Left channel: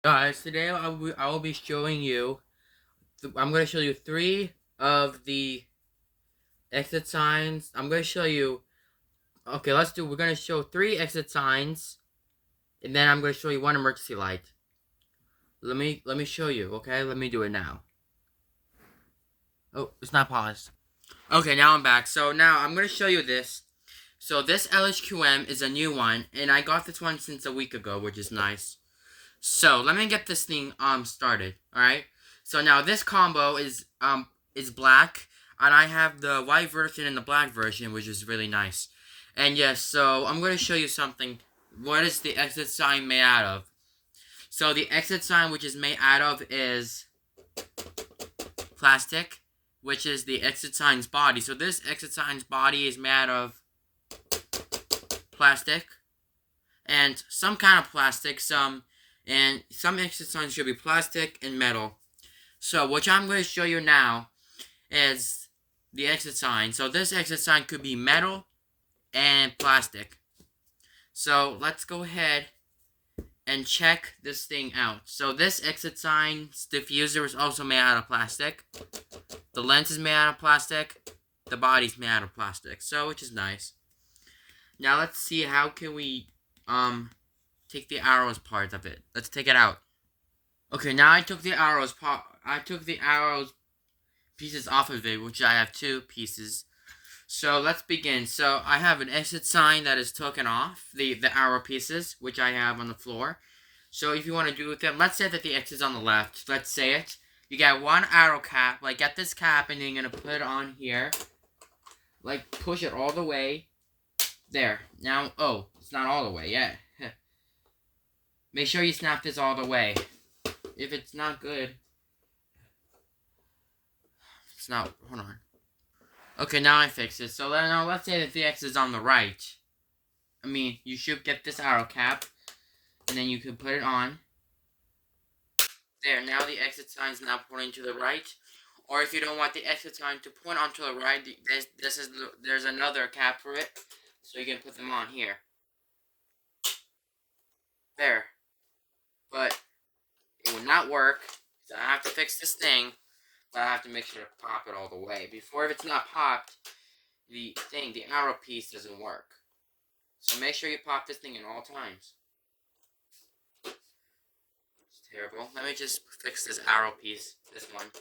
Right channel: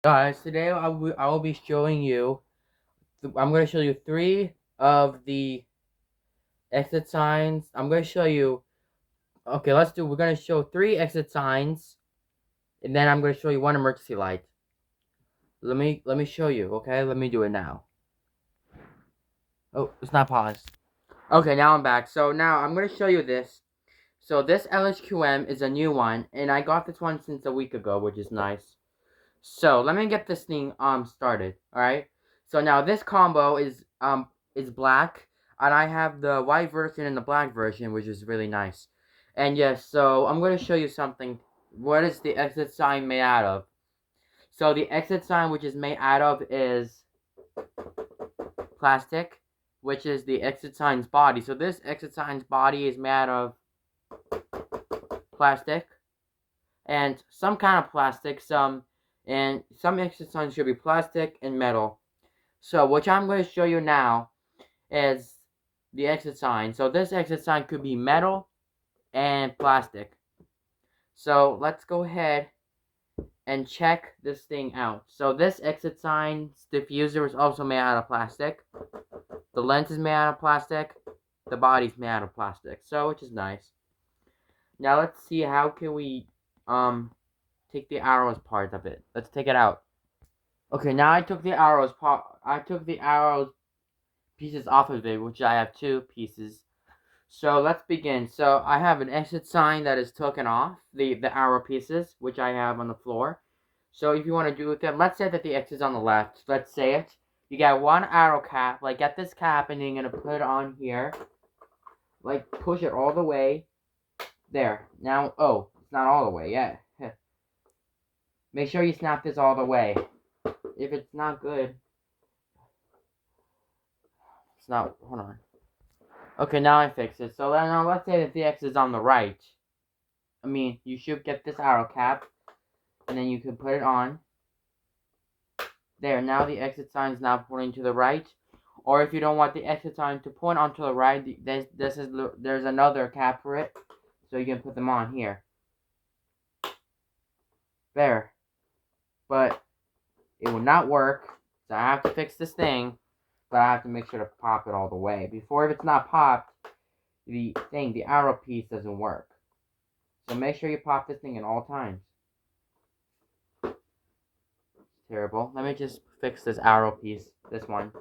Guys, today I will be showing you. I'm going to show you three of the exit signs. I'm going to show you. Okay, we're going to show three exit signs, and then I'm going to show you one emergency light. Let me show you. Okay, let me do it now. Oh, it's not paused. Okay, now I'm back. So now I'm going to show you this. So this LHQM is a new one, and I got this one since a week ago, which is nice. So let me get this thing started. All right. So now this combo is black, and I have the white version and the black version, which is really nice. And yes, so I'm going to show you something. What is the exit sign made out of? So the exit sign which is made out of is plastic, which is the exit sign's body. So this exit sign's body is made out of plastic and some kind of plastic, some exit signs should be plastic and metal. So what I'm going to show you now is the exit sign. So this exit sign could be metal and plastic. So let's go ahead and check this thing out. So this exit sign's diffuser is also made out of plastic. The lens is made out of plastic. The body's made out of plastic. So which is nice. Now let's see how can we take the arrows part of it. Let's take it out. Okay, now I took the arrows pieces off of it, which I have two pieces. So let's begin. So I have an exit sign that is taken off, the arrow pieces, which I have on the floor. So if you want to do with them, let's say that the exit's on the left. Let's say it. You get one arrow cap, like get this cap, and then you're going to put it on here. Like push it all the way. There. Now, oh, it's not all the way yet. Make sure you snap this all the way. If it's not good, it's not, hold on. Okay, now I fixed it. So now let's say that the X is on the right. I mean, you should get this arrow cap, and then you can put it on. There, now the exit sign is now pointing to the right. Or if you don't want the exit sign to point onto the right, there's another cap for it. So you can put them on here. There. But it will not work. So I have to fix this thing. But I have to make sure to pop it all the way. Before, if it's not popped, the arrow piece doesn't work. So make sure you pop this thing at all times. It's terrible. Let me just fix this arrow piece. This one.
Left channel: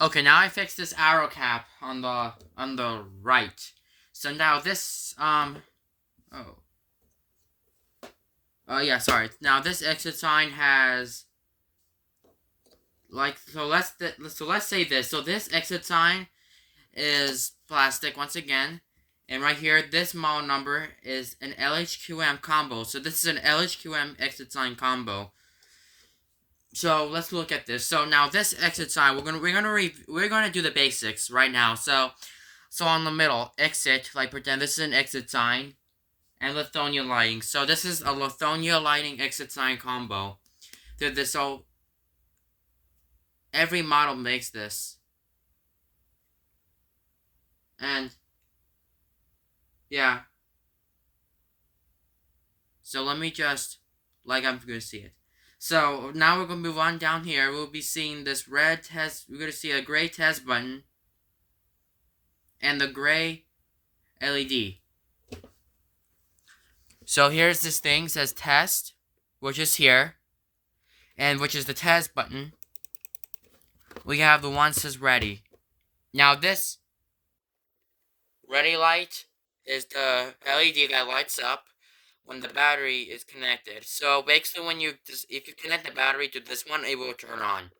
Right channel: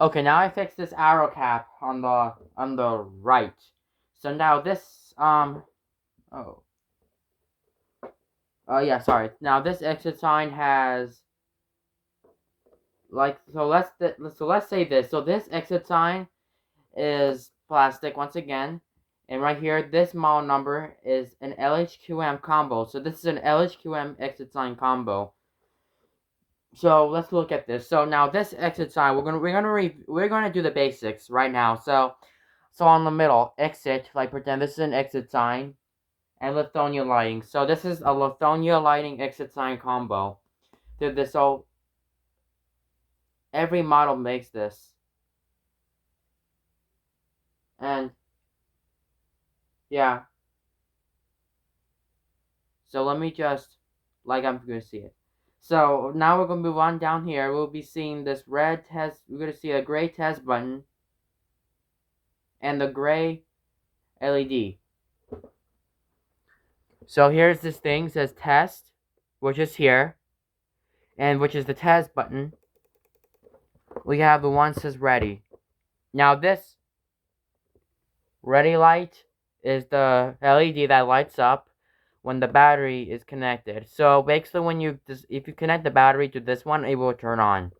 Okay, now I fixed this arrow cap on the right. So now this yeah, sorry. Now this exit sign has let's say this. So this exit sign is plastic once again. And right here, this model number is an LHQM combo. So this is an LHQM exit sign combo. So let's look at this. So now this exit sign, we're gonna do the basics right now. So on the middle, exit, like pretend this is an exit sign, and Lithonia lighting. So this is a Lithonia lighting exit sign combo. So every model makes this. And yeah. So let me just, like I'm gonna see it. So now we're gonna move on down here. We'll be seeing this red test. We're gonna see a gray test button and the gray LED. So here's this thing, says test, which is here, and which is the test button. We have the one that says ready. Now this ready light is the LED that lights up when the battery is connected. So basically, if you connect the battery to this one, it will turn on.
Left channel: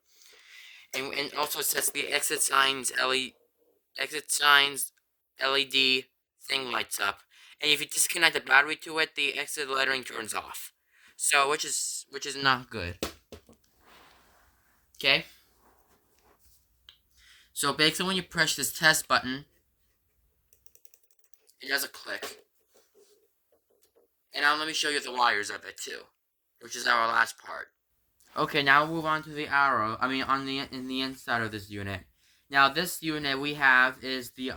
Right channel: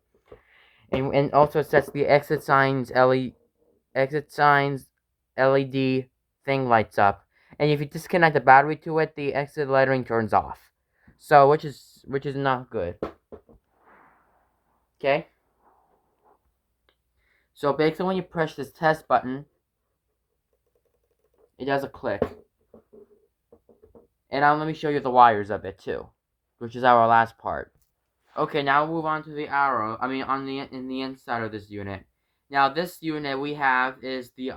And also sets the exit signs LED thing lights up. And if you disconnect the battery to it, the exit lettering turns off. So which is not good. Okay? So basically when you push this test button, it does a click. And now let me show you the wires of it too, which is our last part. Okay, now we'll move on to the arrow. In the inside of this unit. Now this unit we have is the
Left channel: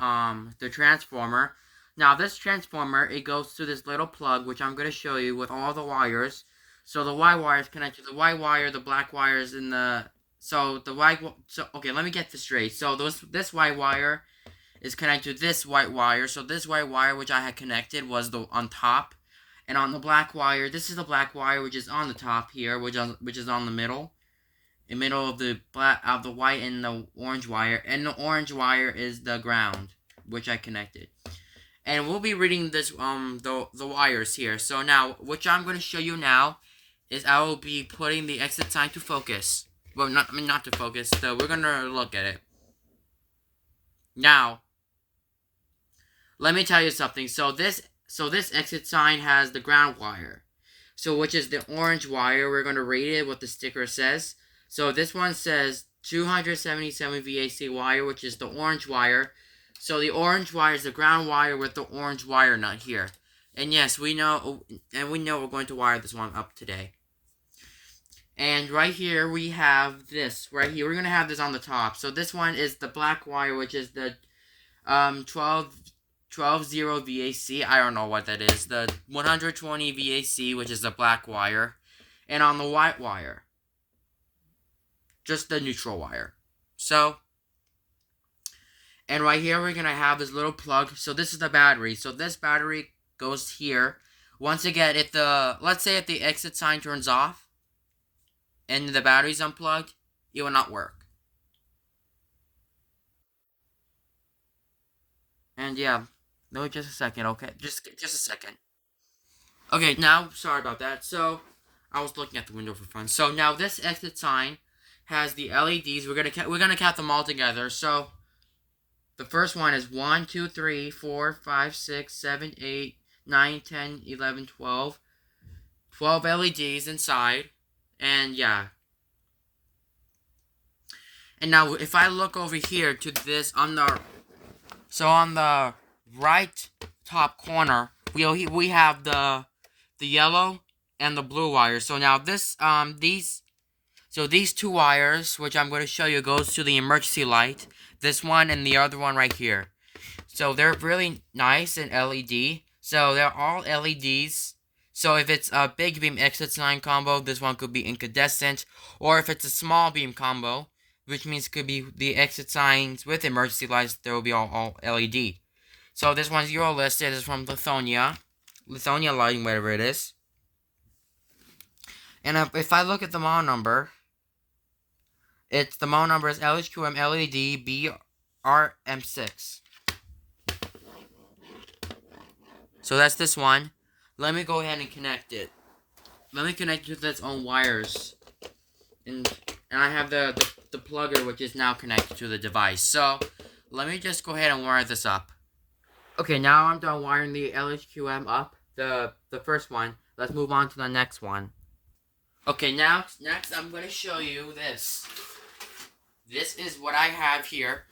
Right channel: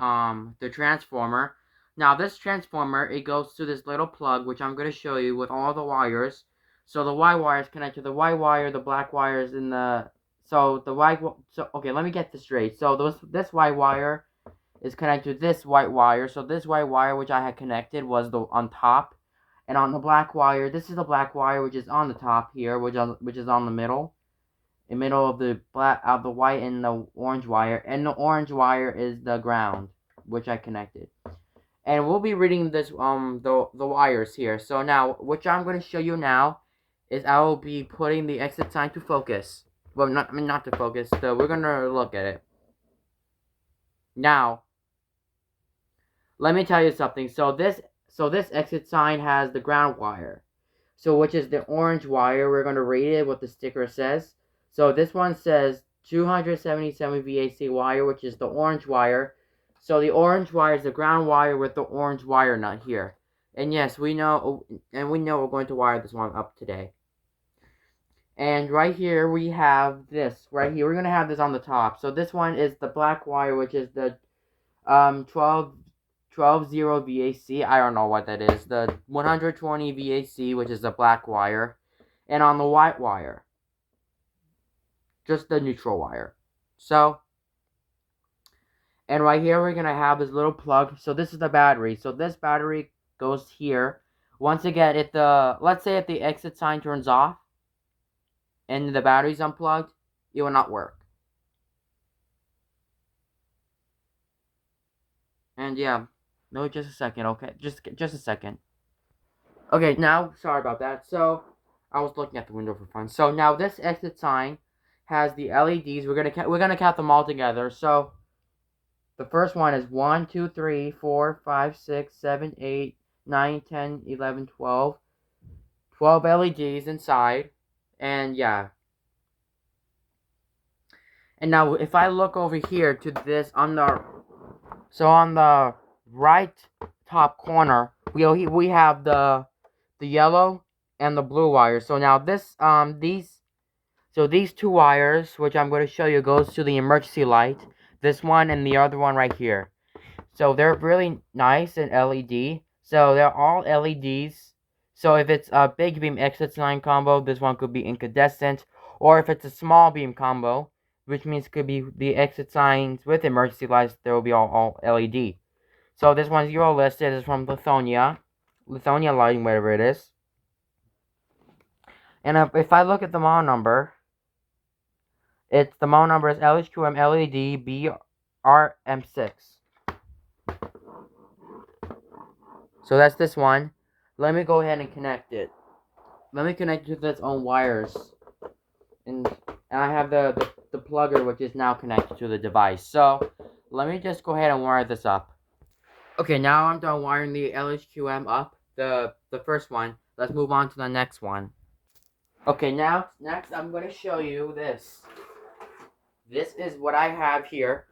transformer. Now this transformer, it goes to this little plug, which I'm going to show you with all the wires. So the white wire is connected to the white wire, the black wire is in the... So the white... So, okay, let me get this straight. So this white wire is connected to this white wire. So this white wire, which I had connected, was the on top. And on the black wire, this is the black wire, which is on the top here, which is on the middle. In the middle of the the white and the orange wire. And the orange wire is the ground, which I connected. And we'll be reading this the wires here. So now, what I'm going to show you now is I will be putting the exit sign to focus. Well, not to focus. So we're going to look at it. Now, let me tell you something. So this exit sign has the ground wire. So which is the orange wire. We're going to rate it what the sticker says. So this one says 277 VAC wire, which is the orange wire. So the orange wire is the ground wire with the orange wire nut here. And yes, we know we're going to wire this one up today. And right here we have this. Right here, we're going to have this on the top. So this one is the black wire, which is the 120 VAC. I don't know what that is. The 120 VAC, which is the black wire. And on the white wire, just the neutral wire. So, and right here we're going to have this little plug. So this is the battery. So this battery goes here. Once again, let's say if the exit sign turns off and the battery's unplugged, it will not work. And yeah, no, just a second, okay? Just a second. Okay, now, sorry about that. So, I was looking at the window for fun. So now this exit sign has the LEDs. We're gonna count them all together. So the first one is 1, 2, 3, 4, 5, 6, 7, 8, 9, 10, 11, 12. 12 LEDs inside. And yeah. And now if I look over here to this on the right top corner, we have the yellow and the blue wire. So now these two wires, which I'm going to show you, goes to the emergency light. This one and the other one right here. So they're really nice and LED. So they're all LEDs. So if it's a big beam exit sign combo, this one could be incandescent. Or if it's a small beam combo, which means it could be the exit signs with emergency lights, there will be all LED. So this one's Euro listed. It's from Lithonia Lighting, whatever it is. And if I look at the model number, the model number is LHQM LED BRM6. So that's this one. Let me go ahead and connect it. Let me connect it with its own wires. And I have the plugger, which is now connected to the device. So let me just go ahead and wire this up. Okay, now I'm done wiring the LHQM up, the first one. Let's move on to the next one. Okay, next I'm going to show you this. This is what I have here.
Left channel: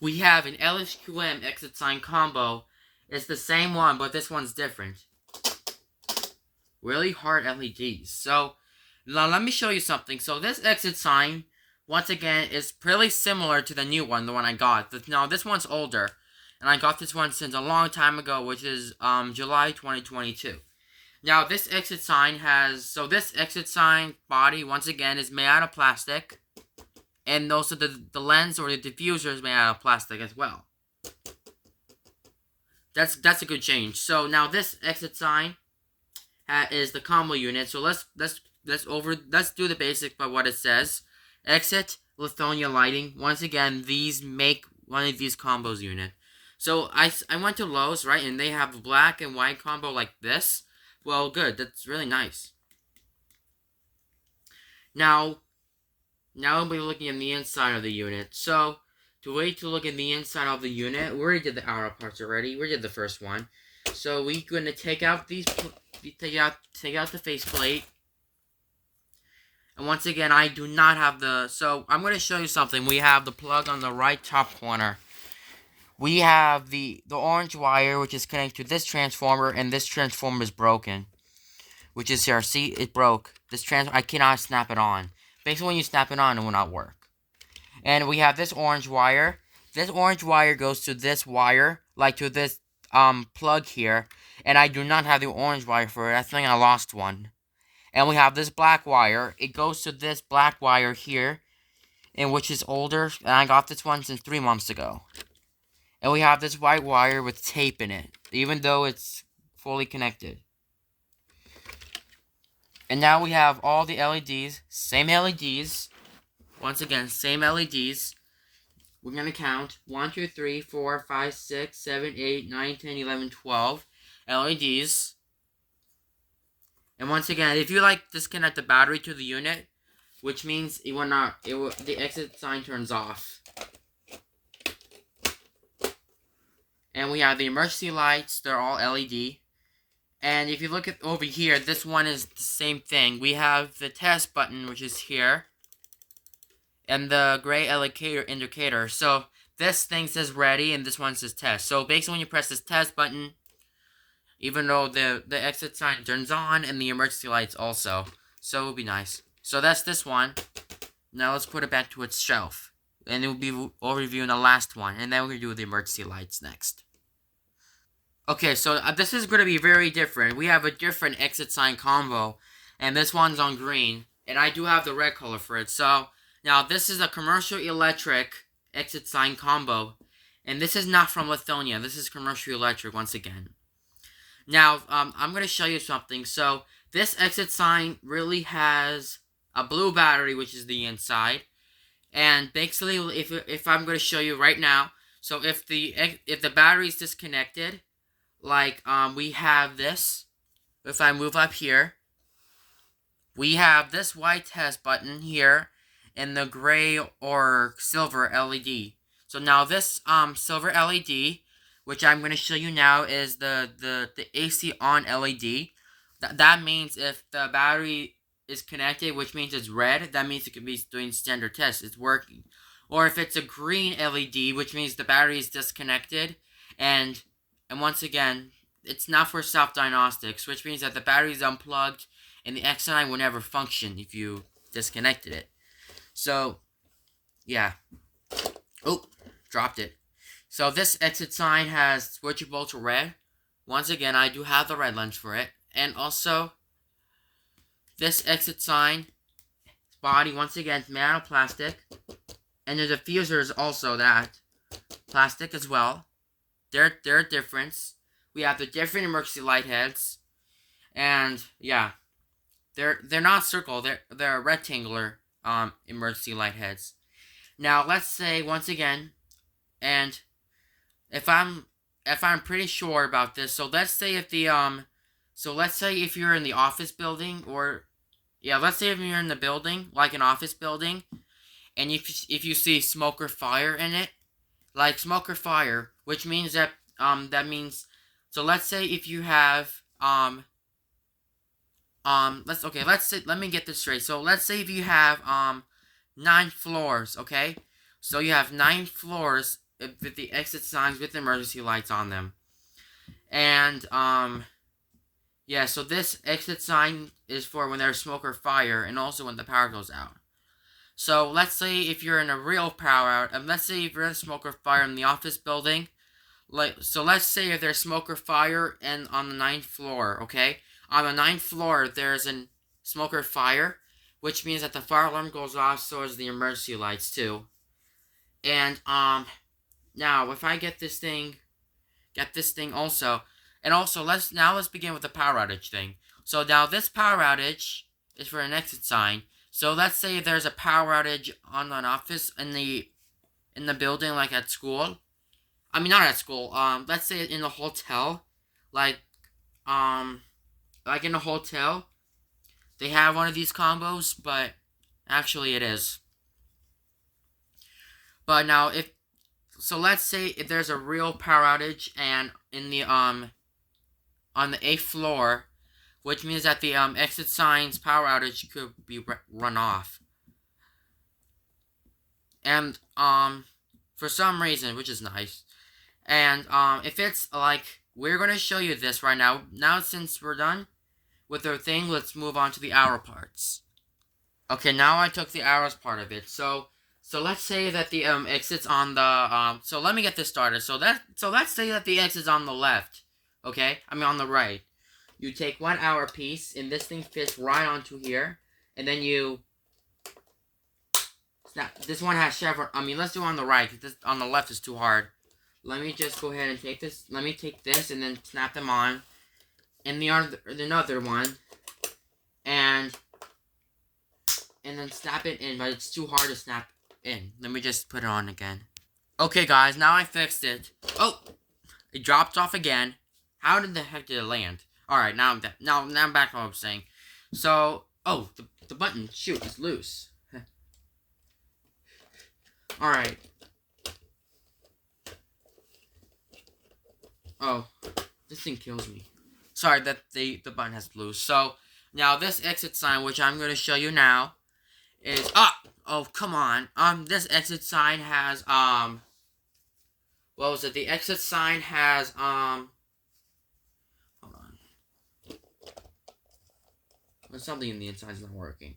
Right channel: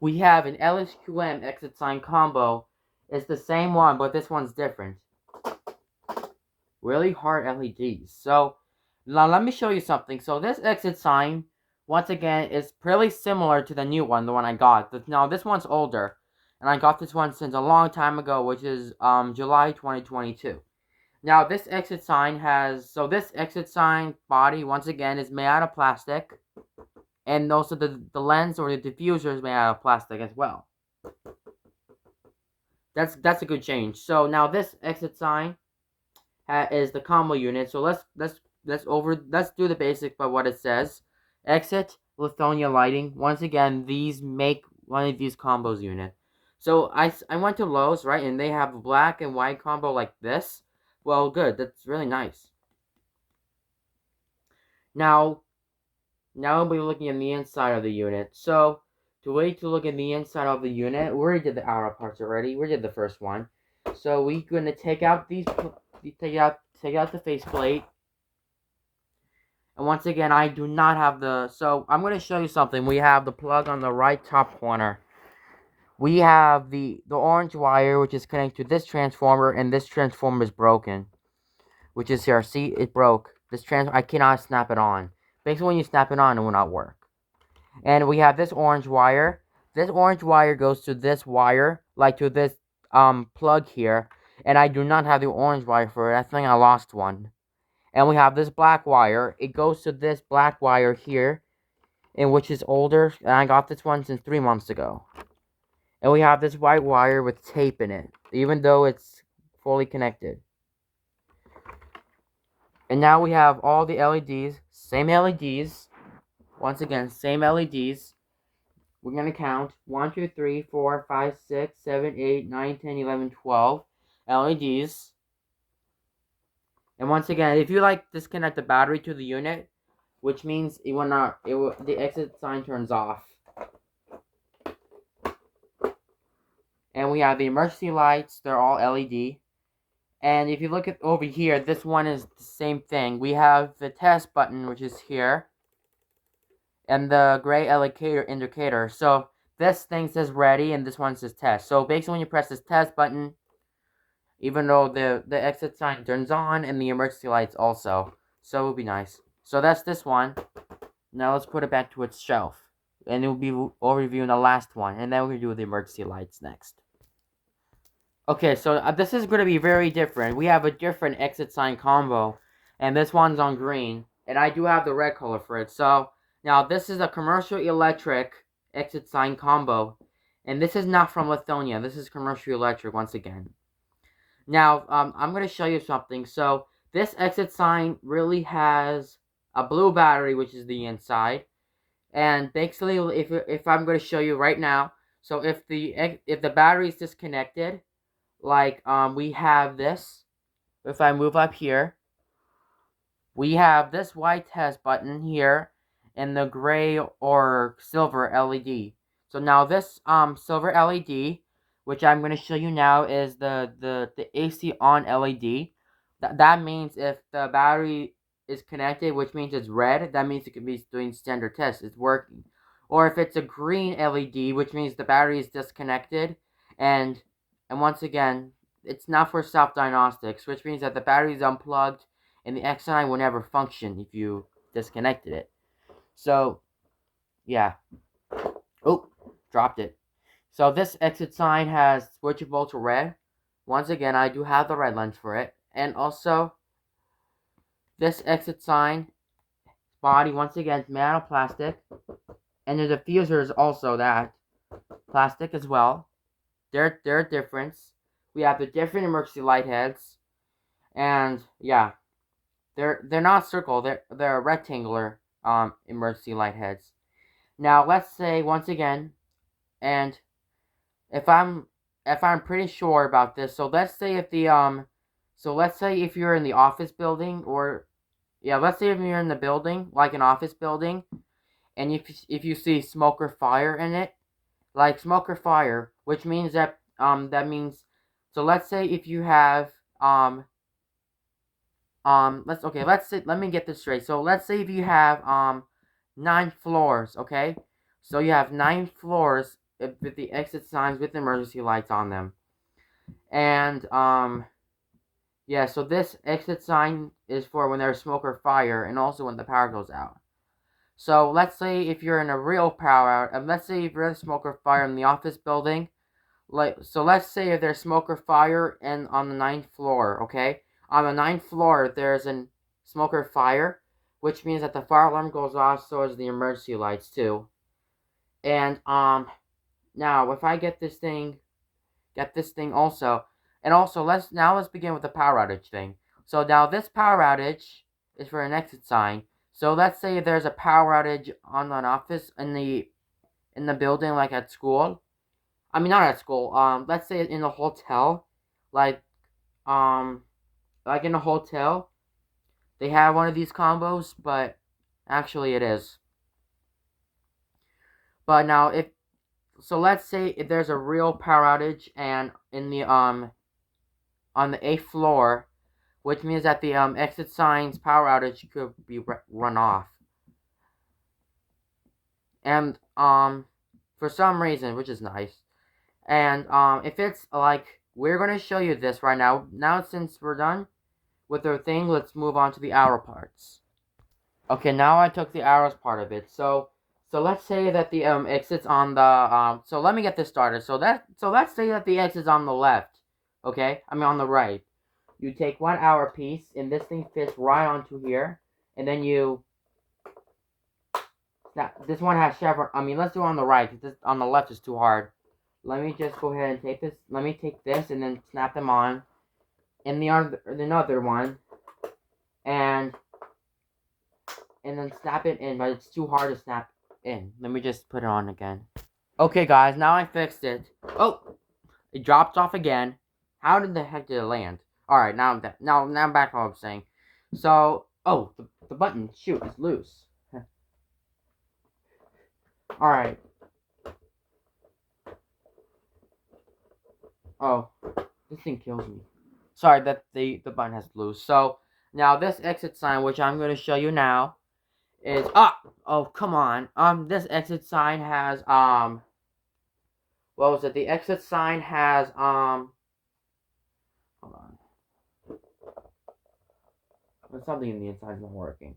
We have an LHQM exit sign combo. It's the same one, but this one's different. Really hard LEDs. So, now let me show you something. So this exit sign, once again, is pretty similar to the new one, the one I got. Now, this one's older. And I got this one since a long time ago, which is July 2022. Now, this exit sign this exit sign body, once again, is made out of plastic. And also the lens or the diffuser is made out of plastic as well. That's a good change. So now this exit sign is the combo unit. So let's do the basics by what it says. Exit Lithonia Lighting. Once again, these make one of these combos unit. So I went to Lowe's, right, and they have a black and white combo like this. Well, good. That's really nice. Now we'll be looking at the inside of the unit. So to look at the inside of the unit, we already did the outer parts already. We did the first one. So we're going to take out take out the faceplate. And once again, I do not have so I'm going to show you something. We have the plug on the right top corner. We have the orange wire, which is connected to this transformer, and this transformer is broken. Which is here. See, it broke. I cannot snap it on. Basically, when you snap it on, it will not work. And we have this orange wire. This orange wire goes to this wire, like to this plug here. And I do not have the orange wire for it. I think I lost one. And we have this black wire. It goes to this black wire here, and which is older. And I got this one since 3 months ago. And we have this white wire with tape in it, even though it's fully connected. And now we have all the LEDs, same LEDs. Once again, same LEDs. We're going to count 1, 2, 3, 4, 5, 6, 7, 8, 9, 10, 11, 12 LEDs. And once again, if you disconnect the battery to the unit, which means the exit sign turns off. And we have the emergency lights, they're all LED. And if you look at over here, this one is the same thing. We have the test button, which is here, and the gray indicator. So this thing says ready, and this one says test. So basically, when you press this test button, even though the exit sign turns on, and the emergency lights also. So it would be nice. So that's this one. Now let's put it back to its shelf. And we'll review the last one, and then we'll do the emergency lights next. Okay, so this is going to be very different. We have a different exit sign combo, and this one's on green, and I do have the red color for it. So now this is a commercial electric exit sign combo, and this is not from Lithonia. This is commercial electric once again. Now I'm going to show you something. So this exit sign really has a blue battery, which is the inside, and basically if I'm going to show you right now, so if the battery is disconnected, we have this. If I move up here, we have this white test button here and the gray or silver LED. So now this silver LED, which I'm going to show you now, is the AC on LED. That means if the battery is connected, which means it's red, that means it can be doing standard tests. It's working. Or if it's a green LED, which means the battery is disconnected, and once again, it's not for self-diagnostics, which means that the battery is unplugged and the X9 will never function if you disconnected it. So, yeah. Oh, dropped it. So this exit sign has switchable to red. Once again, I do have the red lens for it. And also, this exit sign body, once again, is made out of plastic. And the diffuser is also that. Plastic as well. They're a difference. We have the different emergency light heads, and yeah, they're not circle. They're rectangular emergency light heads. Now let's say once again, and if I'm pretty sure about this, so let's say if you're in the office building, or yeah, let's say if you're in the building, like an office building, and if you see smoke or fire in it. Like smoke or fire, which means that so let's say if you have let me get this straight. So let's say if you have 9 floors, okay? So you have 9 floors with the exit signs with emergency lights on them. And yeah, so this exit sign is for when there's smoke or fire, and also when the power goes out. So let's say if you're in a real power out, let's say if you're in smoke or fire in the office building, so let's say if there's smoke or fire and on the 9th floor, okay? On the 9th floor, there's a smoke or fire, which means that the fire alarm goes off, so does the emergency lights too. And now if I get this thing also, and also let's begin with the power outage thing. So now this power outage is for an exit sign. So let's say there's a power outage on an office in the building, like at school. I mean, not at school. Let's say in a hotel, like in a hotel, they have one of these combos, but actually it is. But now let's say if there's a real power outage and in the on the 8th floor, which means that the exit signs power outage could be run off. And for some reason, which is nice. And if it's we're gonna show you this right now. Now since we're done with our thing, let's move on to the arrow parts. Okay, now I took the arrows part of it. So let's say that the exit's on the so let me get this started. So let's say that the exit's on the left. Okay? I mean on the right. you take 1 hour piece, and this thing fits right onto here, and then you snap. This one has chevron. I mean, let's do it on the right, because this on the left is too hard. Let me just go ahead and take this. Let me take this and then snap them on, and the another one, and then snap it in, but it's too hard to snap in. Let me just put it on again. Okay, guys, now I fixed it. Oh, it dropped off again. How did the heck did it land? All right, now I'm back to what I was saying. So, oh, the button, shoot, is loose. All right. Oh, this thing kills me. Sorry that the button has loose. So now this exit sign, which I'm going to show you now, is oh come on. This exit sign has what was it? The exit sign has hold on. There's something in the inside is not working.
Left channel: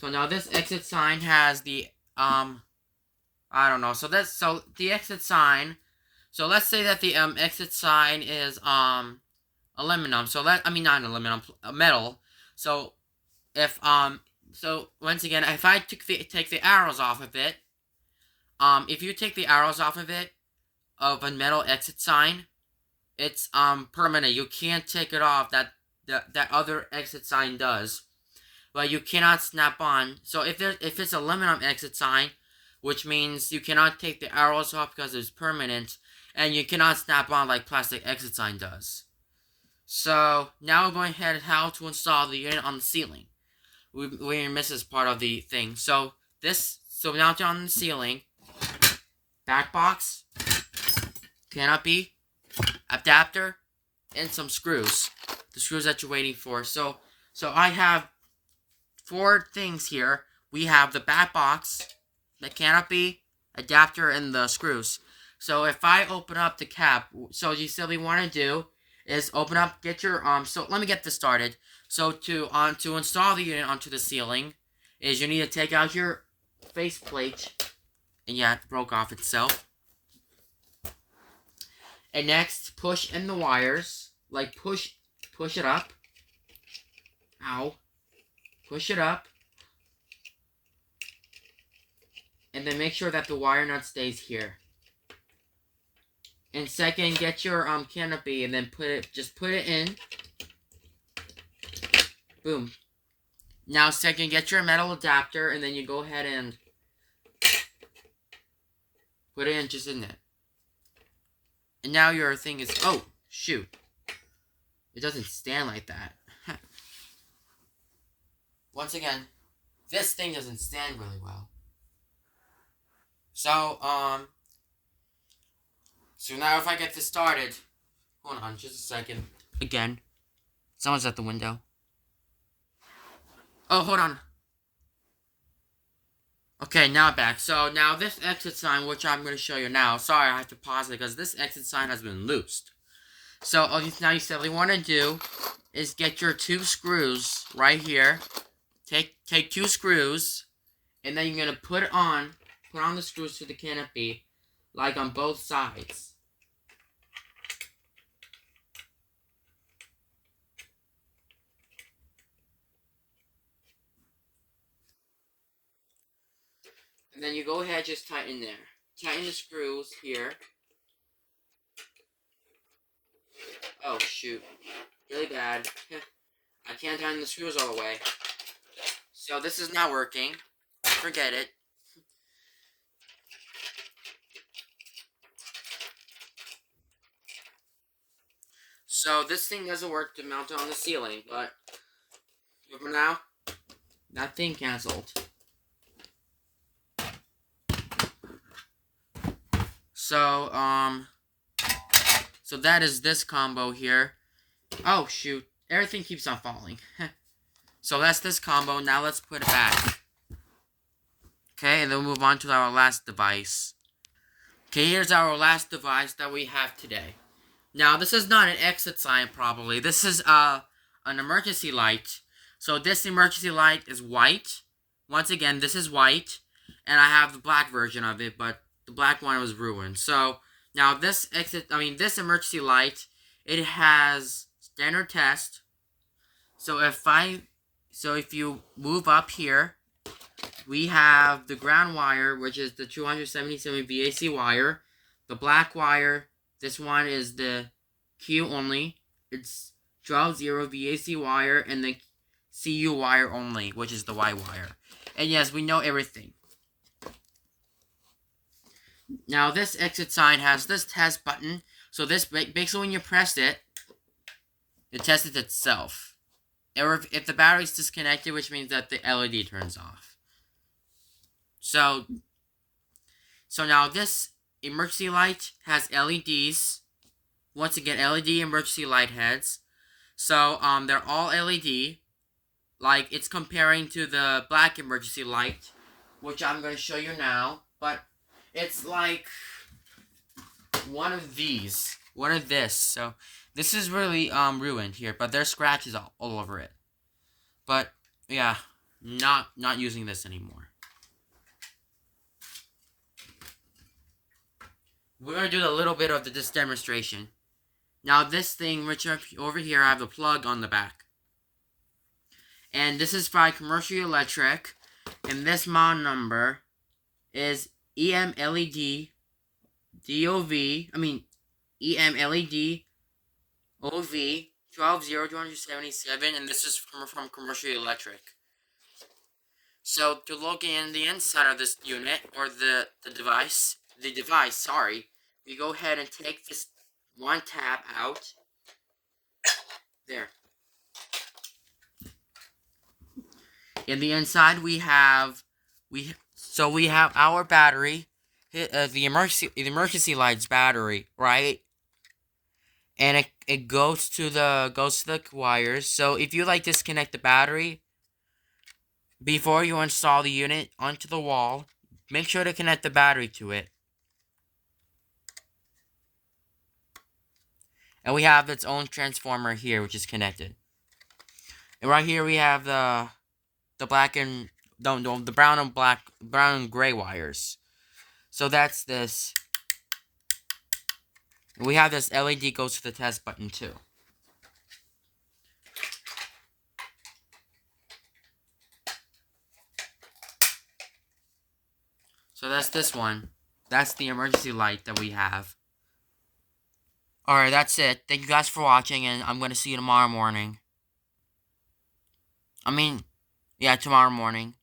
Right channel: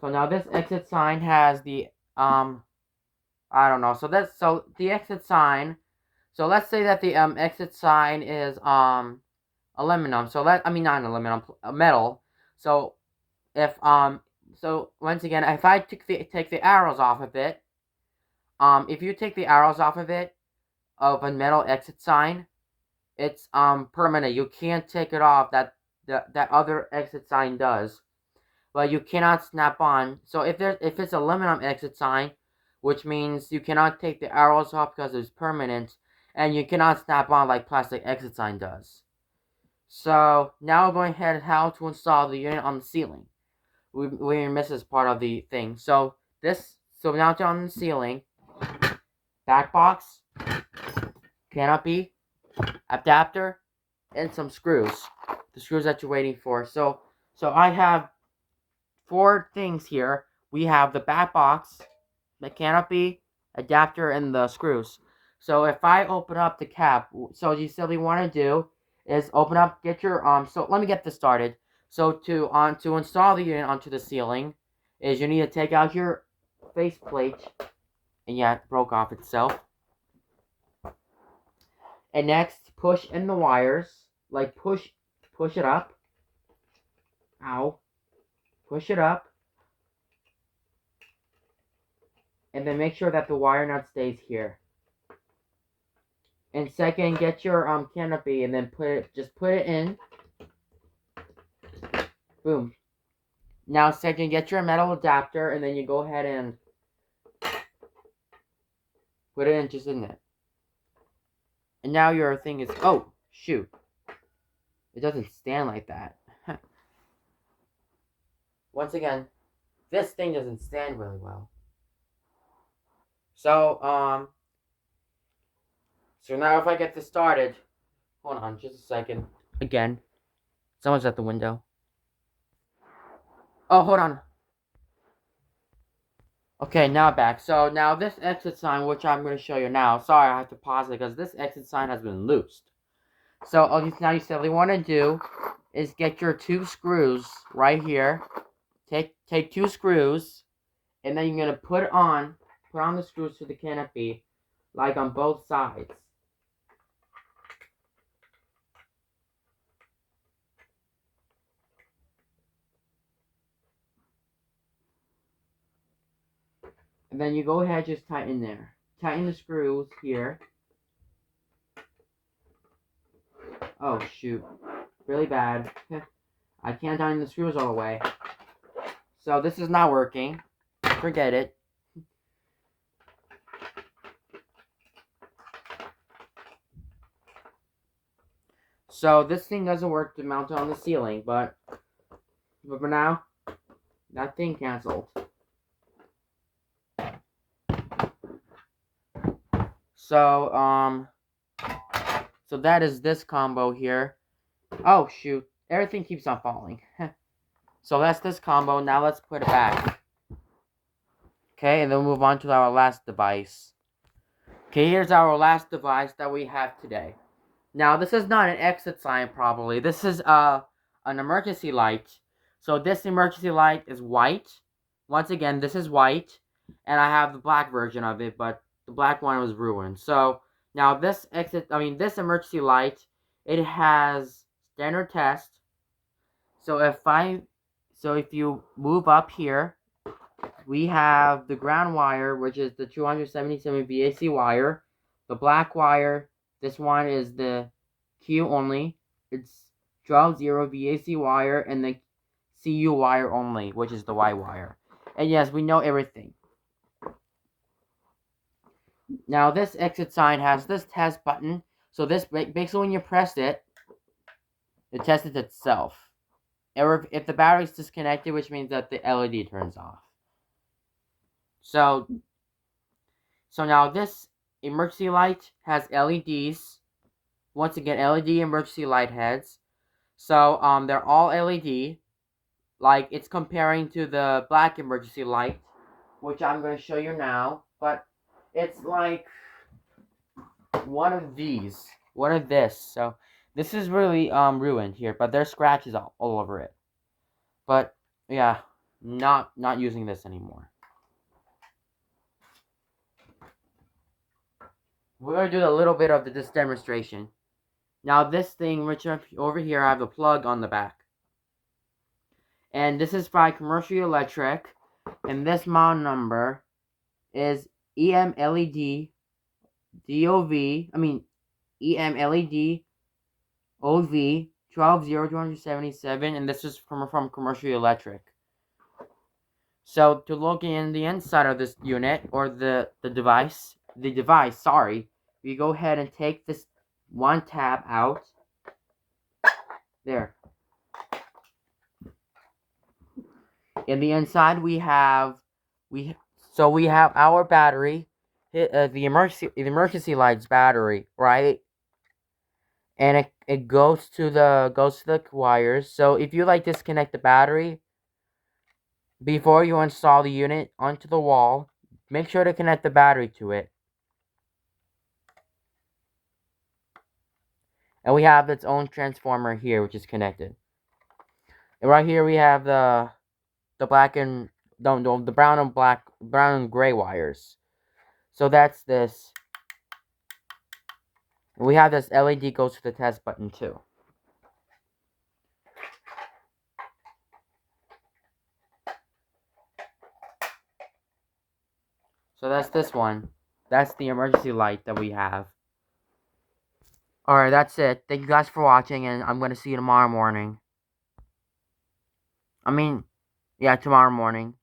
So now this exit sign has the I don't know. So the exit sign. So let's say that the exit sign is aluminum. So not aluminum, metal. So if so once again, if I take the arrows off of it, if you take the arrows off of it, of a metal exit sign, it's permanent. You can't take it off. That other exit sign does, but you cannot snap on. So if it's aluminum exit sign, which means you cannot take the arrows off because it's permanent, and you cannot snap on like plastic exit sign does. So now we're going ahead how to install the unit on the ceiling. We missed this part of the thing. So now it's on the ceiling. Back box, canopy, adapter, and some screws. The screws that you're waiting for. So I have 4 things here. We have the back box, the canopy, adapter, and the screws. So if I open up the cap, so you simply want to do is open up, get your so let me get this started. So to install the unit onto the ceiling, is you need to take out your faceplate, and yeah, it broke off itself. And next, push in the wires, like push it up. Ow. Push it up. And then make sure that the wire nut stays here. And second, get your canopy and then put it in. Boom. Now second, get your metal adapter and then you go ahead and put it in just in there. And now your thing is, oh, shoot. It doesn't stand like that. Once again, this thing doesn't stand really well. So now if I get this started, hold on just a second. Again, someone's at the window. Oh, hold on. Okay, now back. So now this exit sign, which I'm going to show you now. Sorry, I have to pause it because this exit sign has been loosed. So now you simply want to do is get your 2 screws right here. Take 2 screws, and then you're going to put on the screws to the canopy, like on both sides. And then you go ahead, just tighten there. Tighten the screws here. Oh, shoot. Really bad. I can't tighten the screws all the way. So this is not working. Forget it. So this thing doesn't work to mount it on the ceiling, but for now, that thing canceled. So, so that is this combo here. Oh, shoot. Everything keeps on falling. So that's this combo. Now let's put it back. Okay, and then we'll move on to our last device. Okay, here's our last device that we have today. Now, this is not an exit sign, probably. This is an emergency light. So this emergency light is white. Once again, this is white. And I have the black version of it, but the black one was ruined. So now this emergency light, it has standard test. So if you move up here, we have the ground wire, which is the 277 VAC wire. The black wire, this one is the Q only. It's 12-0 VAC wire, and the CU wire only, which is the Y wire. And yes, we know everything. Now this exit sign has this test button. So this basically when you press it, it tests itself. Or if the battery is disconnected, which means that the LED turns off. So now this emergency light has LEDs. Once again, LED emergency light heads. So they're all LED. Like it's comparing to the black emergency light, which I'm going to show you now. But it's like one of these. One of this. So this is really ruined here, but there's scratches all over it. But yeah, not using this anymore. We're going to do a little bit of this demonstration. Now this thing, which over here, I have a plug on the back. And this is by Commercial Electric. And this model number is EMLED EMLED OV 120277, and this is from Commercial Electric. So to look in the inside of this unit, or the device, we go ahead and take this one tab out. There. In the inside we have our battery, the emergency light's battery, right? And it goes to the wires. So if you disconnect the battery before you install the unit onto the wall, make sure to connect the battery to it. And we have its own transformer here, which is connected. And right here we have the black and the brown and gray wires. So that's this. And we have this LED goes to the test button too. So that's this one. That's the emergency light that we have. Alright, that's it. Thank you guys for watching, and I'm going to see you tomorrow morning. Tomorrow morning.